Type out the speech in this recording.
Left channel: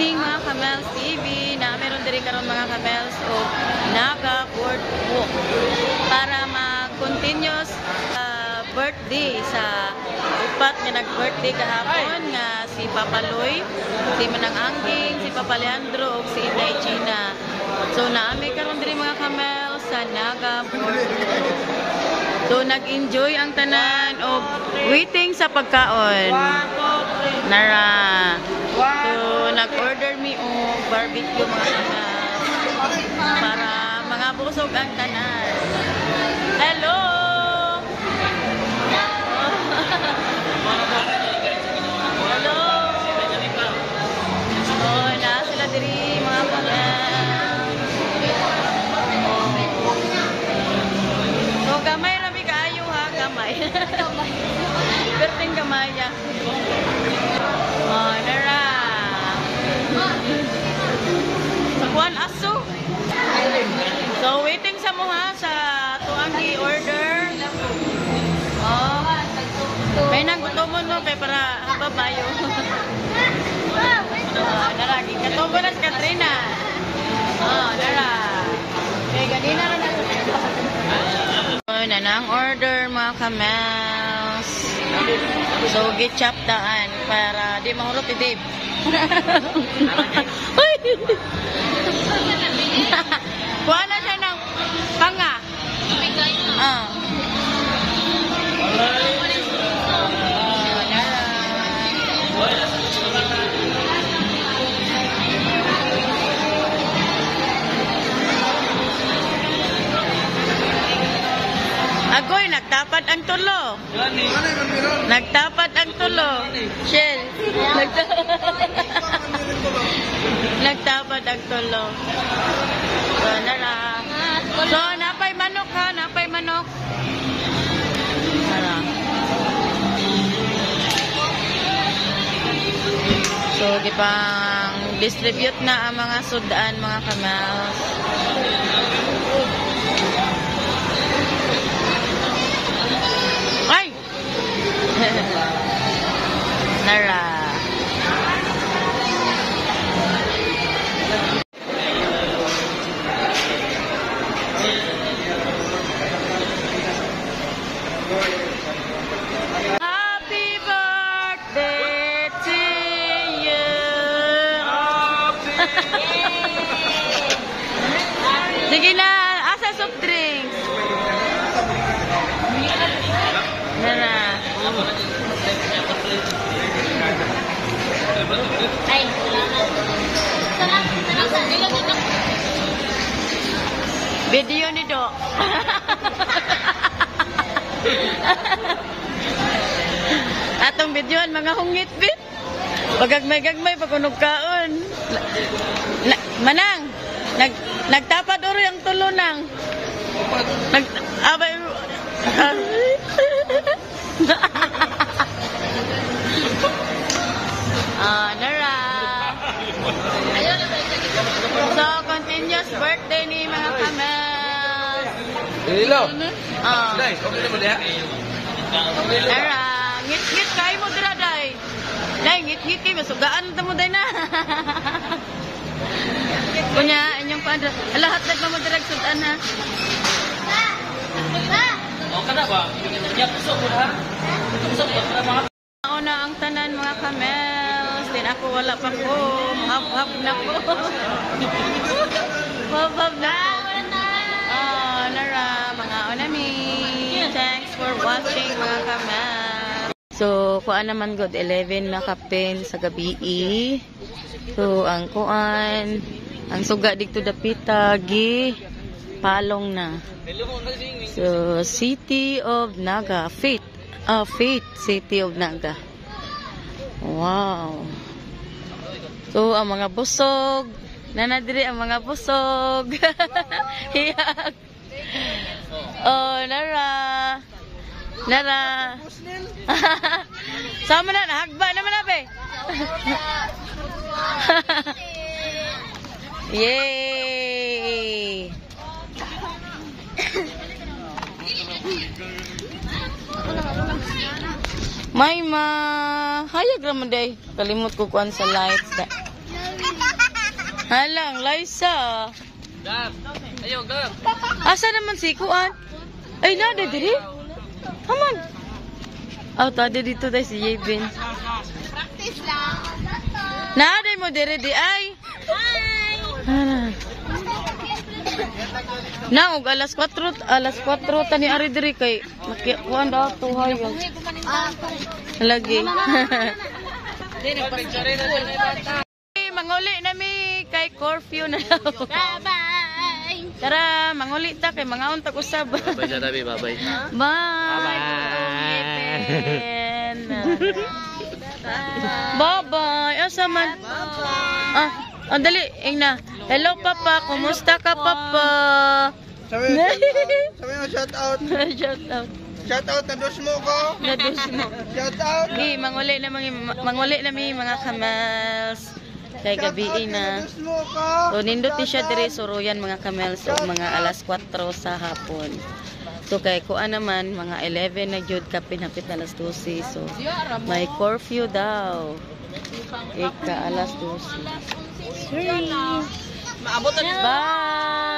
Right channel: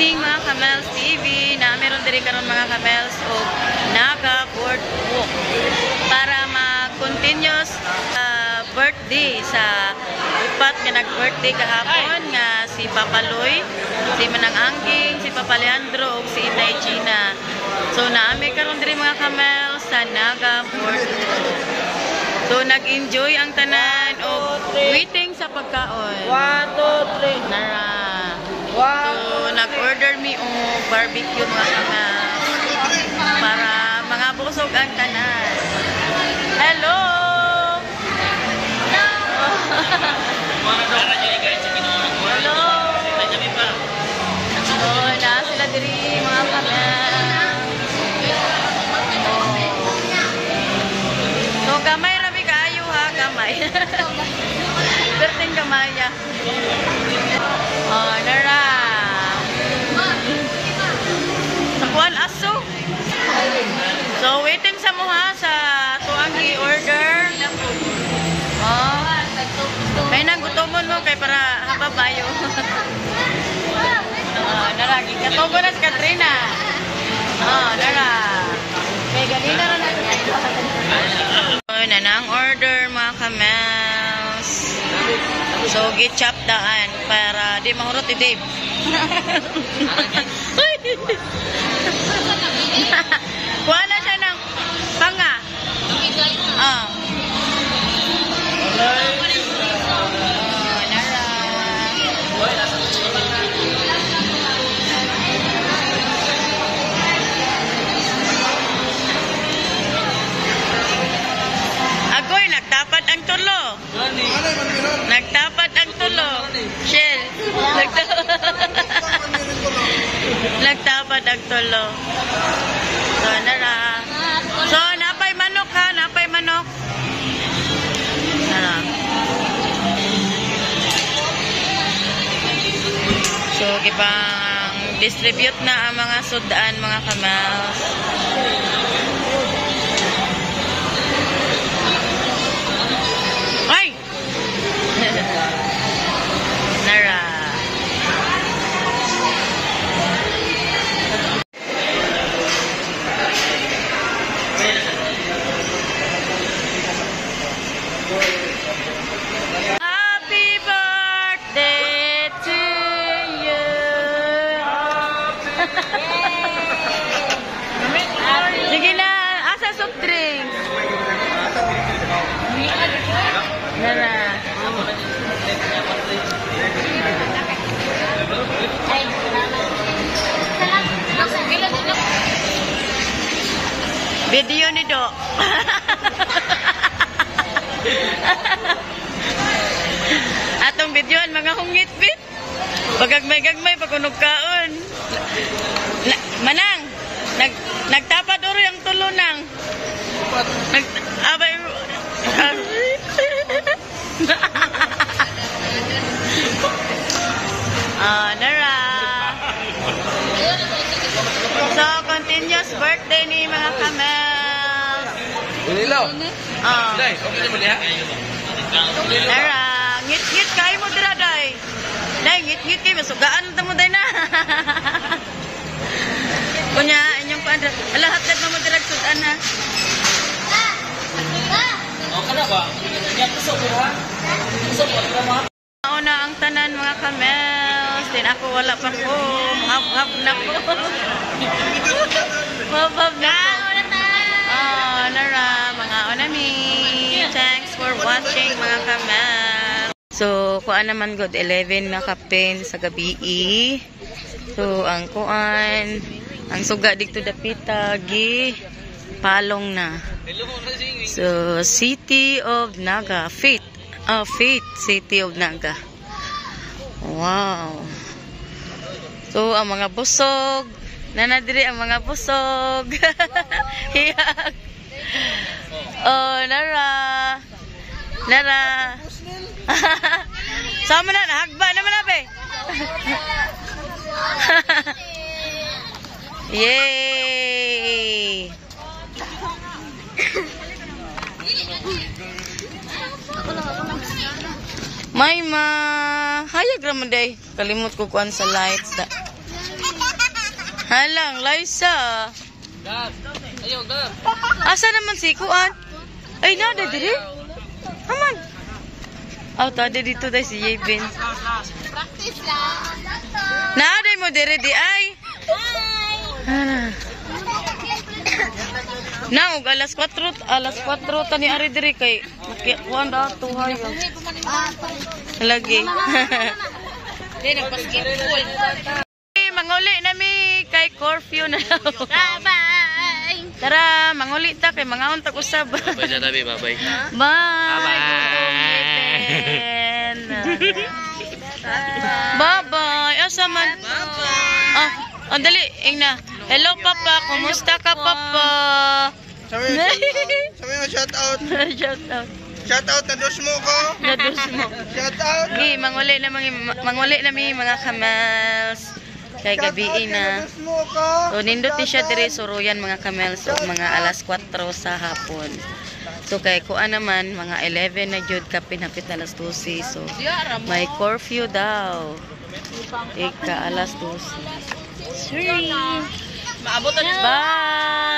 Evening mga Kamels TV na meron diri karon mga Kamels o Naga Boardwalk para mag-continuous birthday sa upat nga nag-birthday kahapon nga si Papa Loy, si Manang Angging, si Papa Leandro ug si Inday Gina. So naami karon diri mga Kamels sa Naga Boardwalk. So nag-enjoy ang tanan og waiting sa pagkaon. 1, 2, 3. Nara. So, nag-order mi o barbecue mga Kamels para mga busog ang tanan. Hello! Hello! So, na sila diri mga Kamels. So, gamay rabi kaayo ha, gamay. Perting gamay niya. Oh, nara. Sakuan aso. So, waiting sa mga sa tuang i-order. Oh. May nanggutomon mo kay para hababayo. Oh, nara. Katubo na si Katrina. Oh, nara. May ganina na nagtutubo. Oh, nanang order mga Kamels. So, gi-chop daan para di mahurot ni Dave. Kuha na siya ng panga. Ah. Oh, nara. Agoy, nagtapat ang tulo. Nagtapat ang tulo. Shell. Nagtapat ang tulo. So, nara. So, napay manok ha. Napay manok. Nara. So, gipang distribute na ang mga sudan mga Kamels. Ay! Nara. Happy birthday to you. Sige na, asa soft drink. Nara. Video ni Do. Atong videoan mga hungit-bit. Pagagmay-gagmay pagkunog kaon. Manang, nagtapat oro ang tulunang. Abay nara. So, continuous birthday ni mga Kamels. Nara. Ngit-ngit kayo mo dira, day. Day, ngit-ngit kayo. Masugaan mo, day na. Kunya, inyong paandra. Lahat na mo dira, sudan ha. Kana ba? Yan usog ha. Usog ba? Una ang tanan mga Kamels. Din ako wala pa ko. Hab-hab na ko. Hab-hab na ko. Oh, nara. Mga onami. Thanks for watching mga Kamels. So, kuan naman good 11 na kapin sa gabi. So, ang kuan. Ang suga dito dapita. Palong na. So, City of Naga. Faith City of Naga. Wow. So, ang mga busog. Nanadiri ang mga busog. Hiyak. Oh, nara. Nara. Sama na, nahagba naman na, be. Yay! May hayag raman day. Kalimot ko kuan sa lights. Halang, Liza. Gab. Ayo, Gab. Asa naman si Kuan? Ay, nada diri. Haman. Oh, tadi dito dai si Yevin. Practice lang. Nada mo diri di ay. Ah. Naog alas 4 tani ari diri kay kuan daw to hayo. Lagi. Manguli na mi kay curfew na daw. Bye-bye. Tara, manguli ta kay mga unta usab. Bye na tabi, bye-bye. Bye-bye. Asa man? Ah, dali, ingna. Hello papa, kumusta ka papa? Sabi mo, shout out. Shout out. Shout out na dos mo ko. Nadus mo. Shout out. Gi, manguli na mi mga kamels. Kay gabi na. Dos mo ko. So nindot ni siya diri suruyan mga kamels o mga alas 4 sa hapon. So kay kuan naman mga 11 na jud kapin hapit na alas 12. So may curfew daw. Ika alas 12. Naabot na Bye.